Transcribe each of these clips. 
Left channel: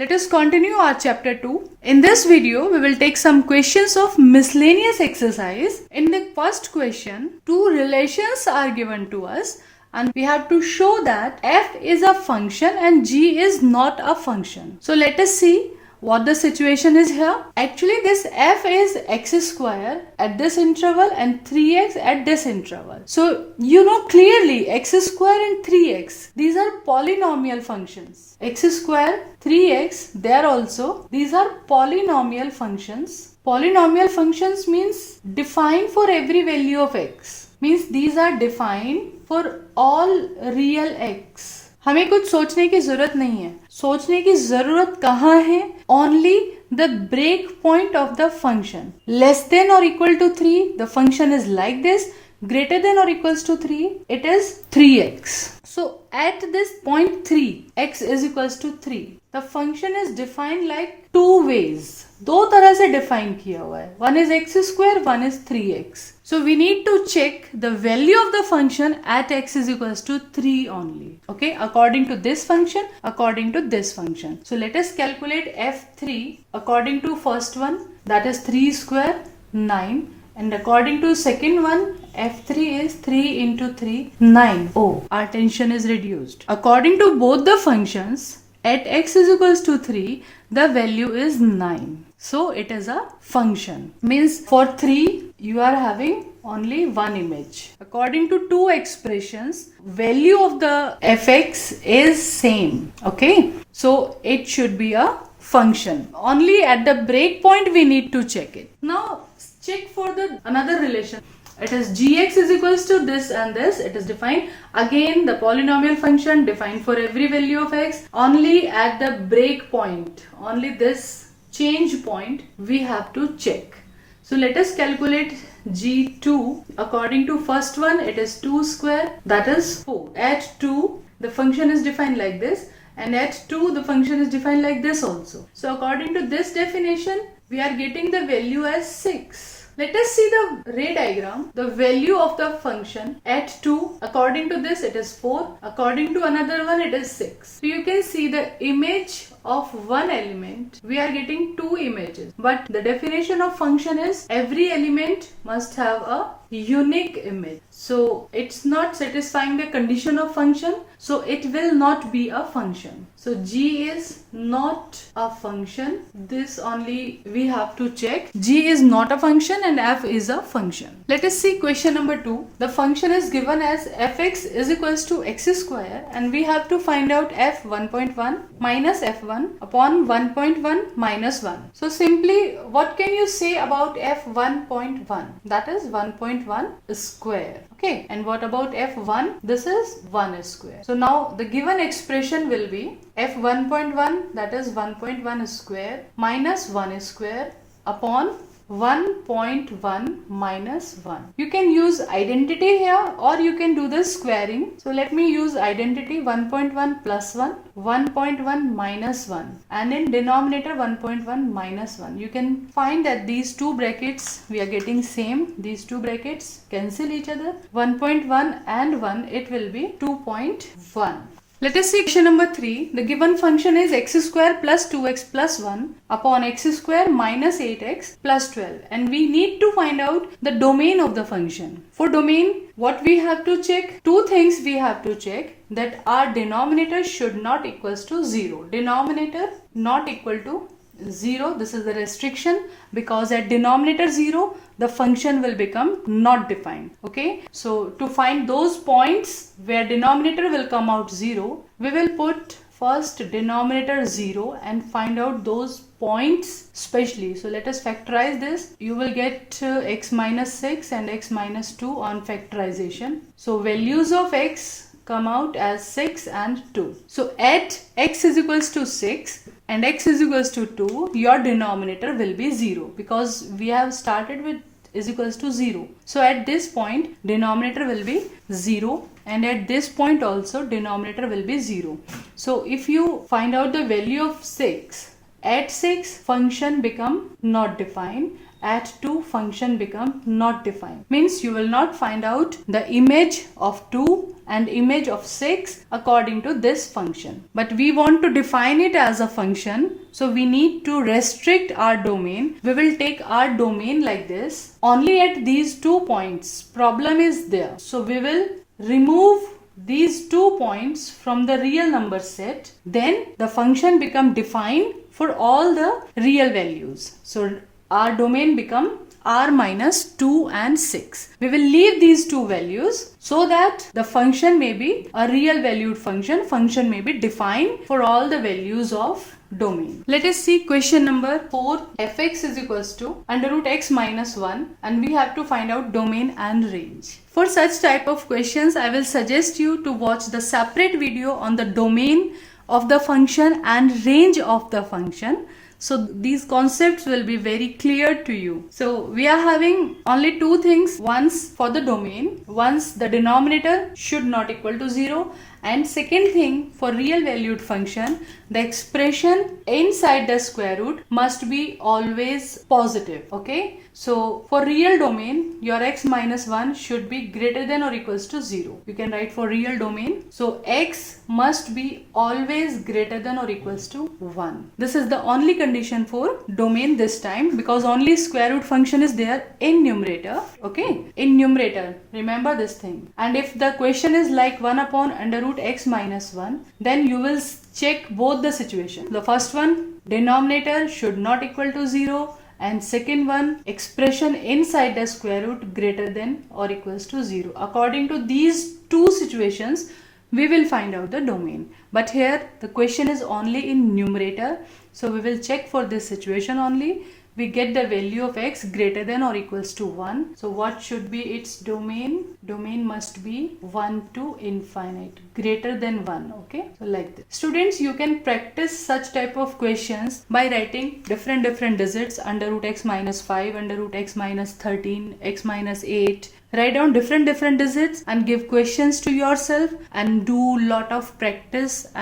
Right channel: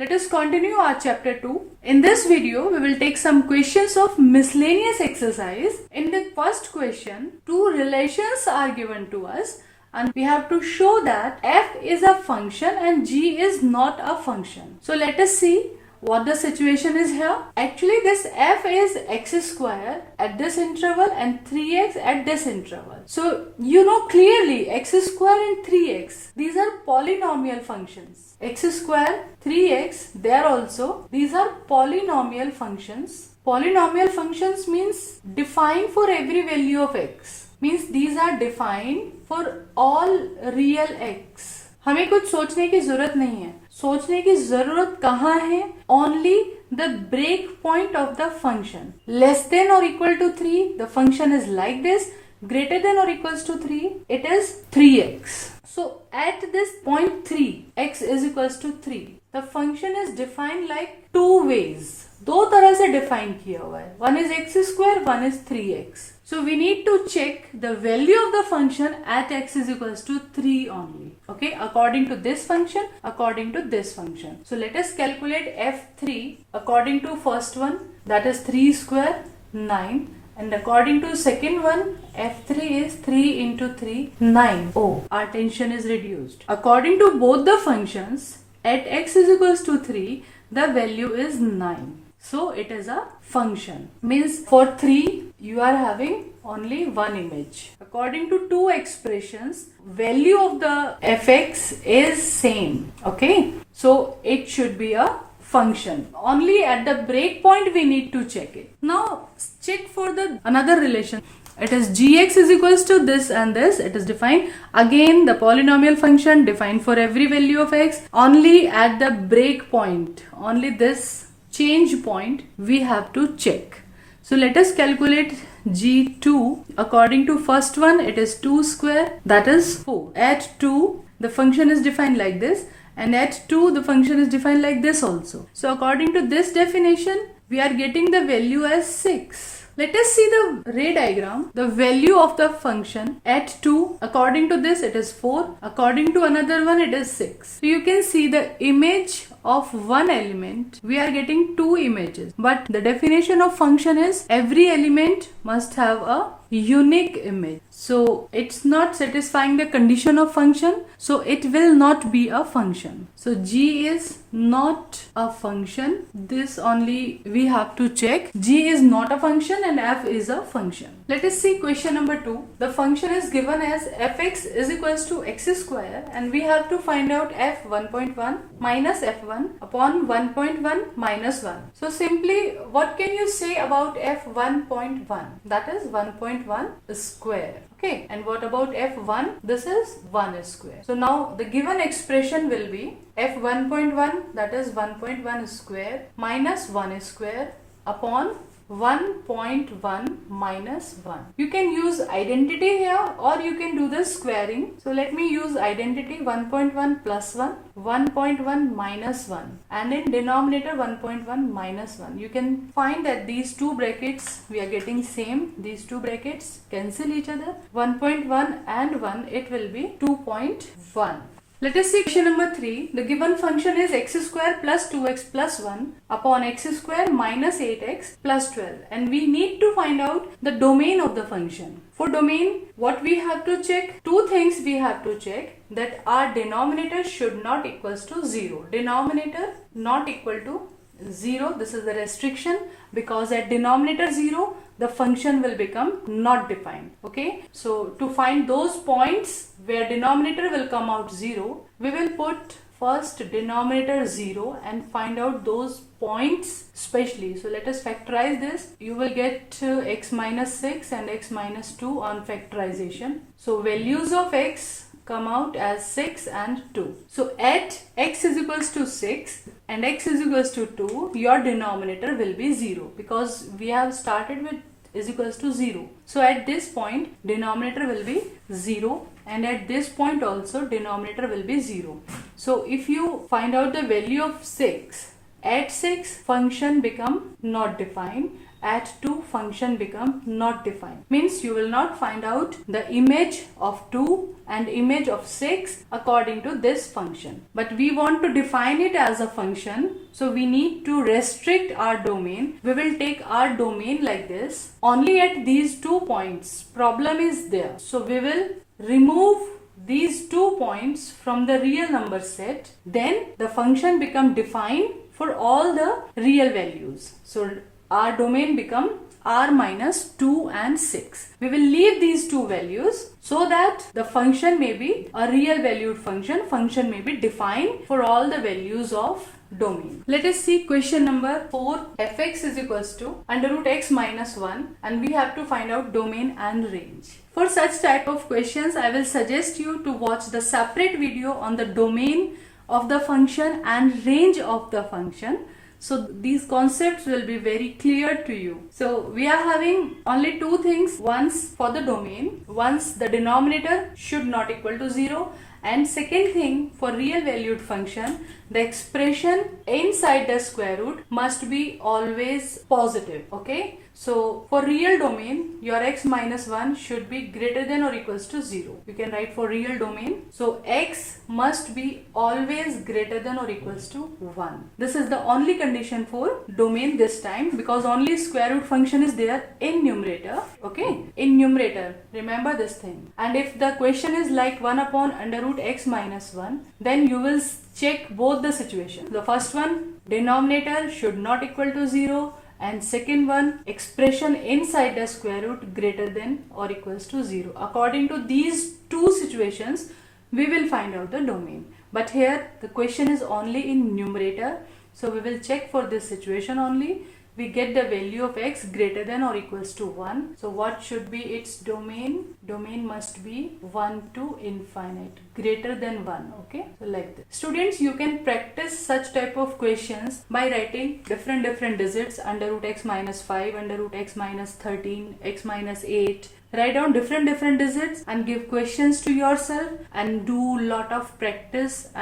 Let us continue our chapter 2. In this video, we will take some questions of miscellaneous exercise. In the first question, two relations are given to us and we have to show that f is a function and g is not a function. So let us see what the situation is here. Actually, this f is x square at this interval and 3x at this interval. So you know clearly x square and 3x, these are polynomial functions. X square, 3x, there also, these are polynomial functions. Polynomial functions means defined for every value of x. Means these are defined for all real x. हमें कुछ सोचने की जरूरत नहीं है. सोचने की जरूरत कहाँ है? Only the break point of the function. Less than or equal to 3, the function is like this. Greater than or equals to 3, it is 3x. So at this point 3, x is equals to 3. The function is defined like two ways. दो तरह से define किया हुआ है. One is x square, one is 3x. So we need to check the value of the function at x is equals to 3 only. Okay, according to this function, according to this function. So let us calculate f3 according to first one, that is 3 square, 9. And according to second one, f3 is 3 into 3, 9. Oh, our tension is reduced. According to both the functions, at x is equals to 3, the value is 9. So it is a function. Means for 3, you are having only one image. According to two expressions, value of the fx is same. Okay. So it should be a function. Only at the break point we need to check it. Now check for the another relation. It is gx is equals to this and this. It is defined. Again, the polynomial function defined for every value of x. Only at the break point, only this change point we have to check. So let us calculate g2. According to first one, it is 2 square, that is 4. At 2, the function is defined like this. And at 2, the function is defined like this also. So according to this definition, we are getting the value as 6. Let us see the ray diagram. The value of the function at 2, according to this it is 4. According to another one it is 6. So you can see the image of one element. We are getting two images. But the definition of function is every element must have a unique image. So it's not satisfying the condition of function. So it will not be a function. So g is not a function. This only we have to check. G is not a function and f is a function. Let us see question number 2. The function is given as fx is equals to x square and we have to find out f 1.1 minus f1 upon 1.1 minus 1. So simply what can you say about f 1.1? That is 1.1 square. Okay, and what about f1? This is 1 square. So now the given expression will be f 1.1, that is 1.1 square minus 1 square upon 1.1 minus 1. You can use identity here or you can do the squaring. So let me use identity. 1.1 plus 1, 1.1 minus 1, and in denominator 1.1 minus 1. You can find that these two brackets we are getting same. These two brackets cancel each other. 1.1 and 1, it will be 2.1. Let us see question number 3. The given function is x square plus 2x plus 1 upon x square minus 8x plus 12. And we need to find out the domain of the function. For domain, what we have to check? Two things we have to check. That our denominator should not equals to 0. Denominator not equal to 0. This is the restriction, because at denominator 0, the function will become not defined. Okay. So to find those points where denominator will come out 0, we will put first denominator 0 and find out those points specially. So let us factorize this. You will get x minus 6 and x minus 2 on factorization. So values of x come out as 6 and 2. So at x is equals to 6 and x is equals to 2, your denominator will be 0, because we have started with is equals to 0. So at this point denominator will be 0 and at this point also denominator will be 0. So if you find out the value of 6, at 6 function become not defined at 2 function become not defined. Means you will not find out the image of 2 and image of 6 according to this function. But we want to define it as a function, so we need to restrict our domain. We will take our domain like this. Only at these 2 points problem is there. So we will remove these 2 points from the real number set. Then the function become defined for all the real values. So our domain become r minus 2 and 6. We will leave these two values so that the function may be a real valued function. Function may be defined for all the values of domain. Let us see question number 4. Fx is equals to under root x minus 1 and we have to find out domain and range. For such type of questions, I will suggest you to watch the separate video on the domain of the function and range of the function. So these concepts will be very clear to you. So we are having only two things. Once for the domain, once the denominator should not equal to 0, and second thing, for real valued function, the expression inside the square root must be always positive. Okay, so for real domain, your x minus 1 should be greater than or equals to 0. You can write for real domain, so x must be always greater than or equals to 1. This is the only condition for domain this time, because only square root function is there in numerator. Okay, in numerator, remember this thing. And if the question is like 1 upon under root x minus 1, then you will check both the situation. The first one, denominator should not equal to 0, and second one, expression inside the square root greater than or equals to 0. According to these two situations, we will find out the domain. But here the question is only in numerator, so we will check for this situation only. We get the value of x greater than or equals to 1. So what should be its domain? Domain must be 1 to infinite, greater than 1. Okay, so like this. Students, you can practice such type of questions by writing different digits under root x minus 5, under root x minus 13, x minus 8. Write down different digits and give questions to yourself and do lot of practice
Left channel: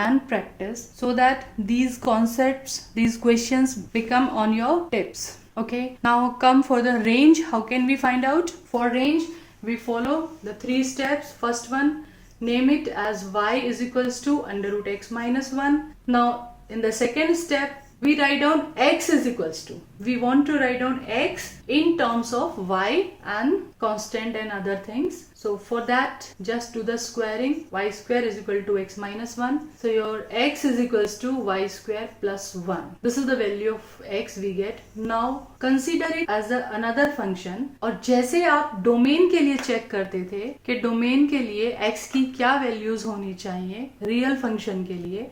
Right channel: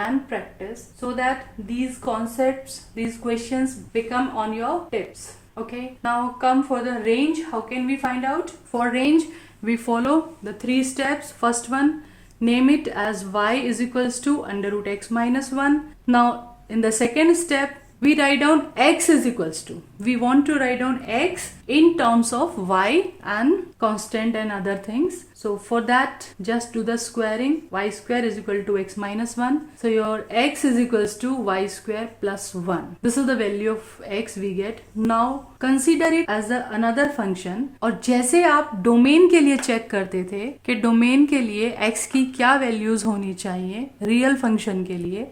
so that these concepts, these questions become on your tips. Okay, now come for the range. How can we find out? For range, we follow the 3 steps. First one, name it as y is equals to under root x minus 1. Now in the second step, we write down x is equals to. We want to write down x in terms of y and constant and other things. So for that, just do the squaring. Y square is equal to x minus 1. So your x is equals to y square plus 1. This is the value of x we get. Now consider it as another function. और जैसे आप domain के लिए check करते थे कि domain के लिए x की क्या वैल्यूज होनी चाहिए रियल फंक्शन के लिए,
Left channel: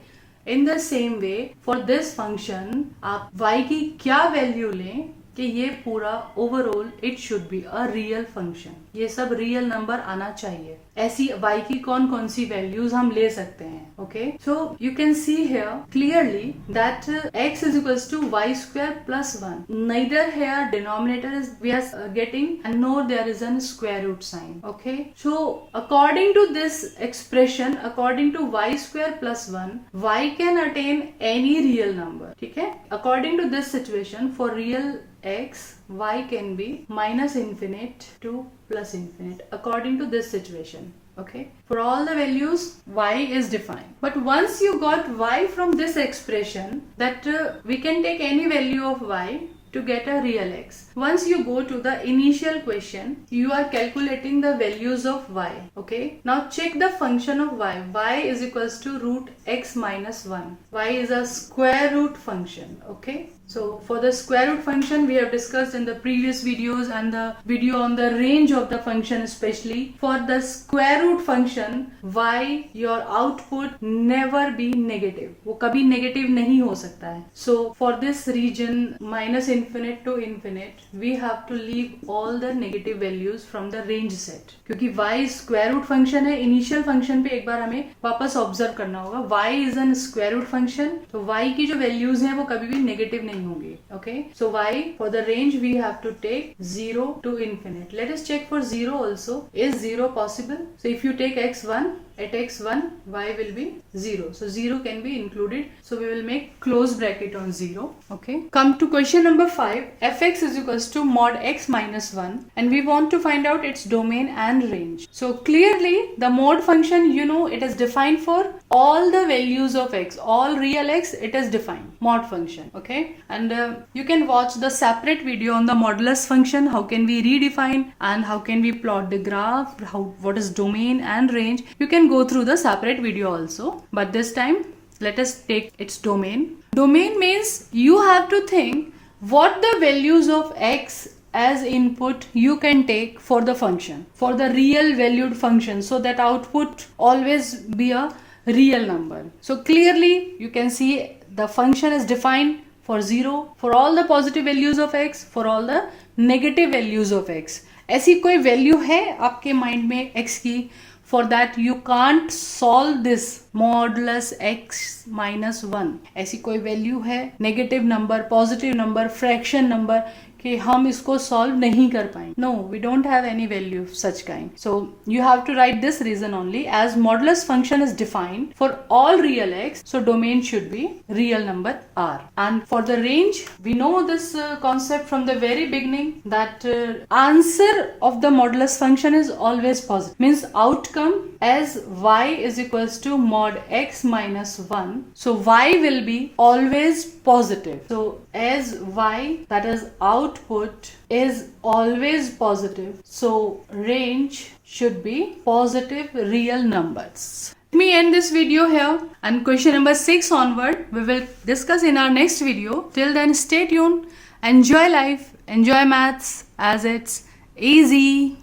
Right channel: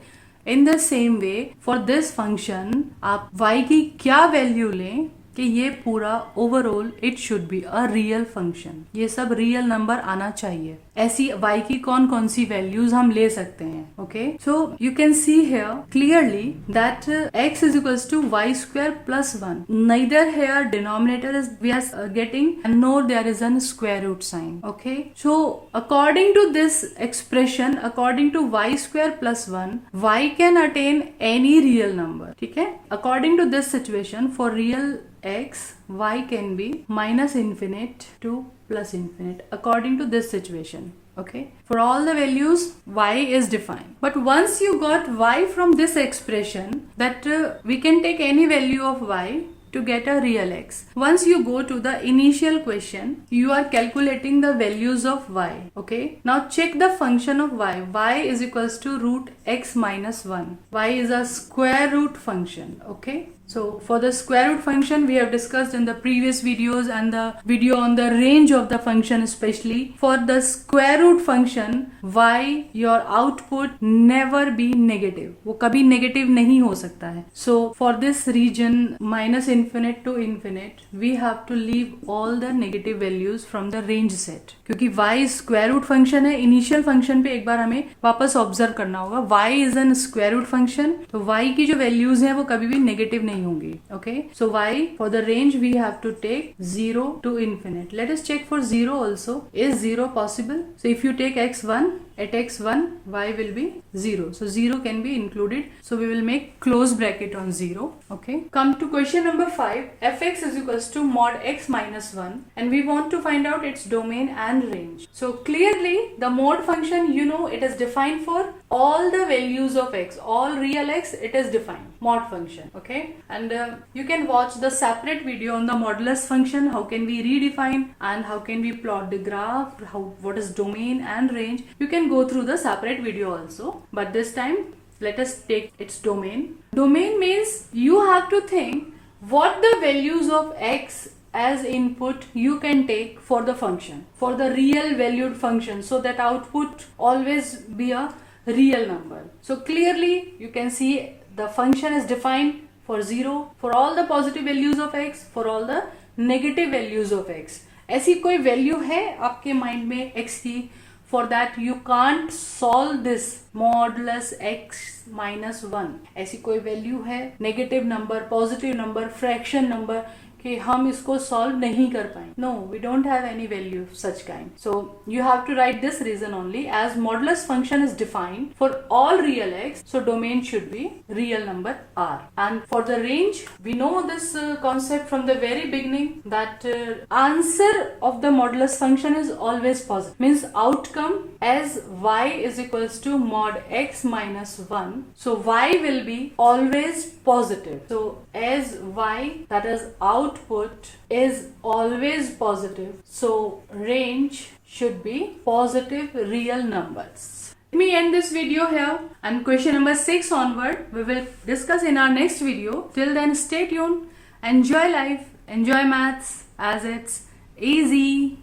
in the same way for this function आप y की क्या वैल्यू लें कि ये पूरा overall it should be a real function. ये सब रियल नंबर आना चाहिए. ऐसी y की कौन सी वैल्यूज हम ले सकते हैं. Okay, so you can see here clearly that x is equals to y square plus 1. Neither here denominator is we are getting and nor there is a square root sign. Okay, so according to this expression, according to y square plus 1, y can attain any real number. ठीक है, according to this situation for real x, y can be minus infinite to plus infinite according to this situation. Okay, for all the values y is defined. But once you got y from this expression, that we can take any value of y to get a real x. Once you go to the initial question, you are calculating the values of y. Okay, now check the function of y. Y is equals to root x minus 1. Y is a square root function. Okay, so for the square root function we have discussed in the previous videos and the video on the range of the function. Especially for the square root function, y your output never be negative. वो कभी negative नहीं हो सकता है. So for this region minus infinite to infinite, we have to leave all the negative values from the range set. क्योंकि y square root function है, initial function पे एक बार हमें वापस observe करना होगा. y is an square root function, तो y की जो values हैं वो कभी भी negative नहीं होंगी. Okay, so y for the range we have to take 0 to infinite. Let us check for 0 also. Is 0 possible? So if you take x1, at x1 y will be 0. So 0 can be included. So we will make close bracket on 0. Okay. Come to question number 5. Fx is equals to mod x minus 1 and we want to find out its domain and range. So clearly the mod function, you know, it is defined for all the values of x, all real x, it is defined, mod function. Okay. And you can watch the separate video on the modulus function, how can we redefine and how can we plot the graph, what is domain and range. You can go through the separate video also, but this time let us take its domain. Domain means you have to think what the values of x as input you can take for the function, for the real valued function, so that output always be a real number. So clearly you can see the function is defined for 0, for all the positive values of x, for all the negative values of x. ऐसी कोई value है आपके mind में x की, for that you can't solve this modulus x minus 1. ऐसी कोई value है negative number, positive number, fraction number कि हम इसको सॉल्व नहीं कर पाएंगे. No, we don't have any value such kind. So you have to write this reason only as modulus function is defined for all real x, so domain should be real number r. And for the range, we know this concept from the very beginning that answer of the modulus function is always positive, means outcome as y is equals to mod x minus 1, so y will be always positive. So as y, that is output, is always positive, so range should be positive real numbers. Let me end this video here, and question number 6 onward we will discuss in our next video. Till then, stay tuned, enjoy life, enjoy maths as it's easy.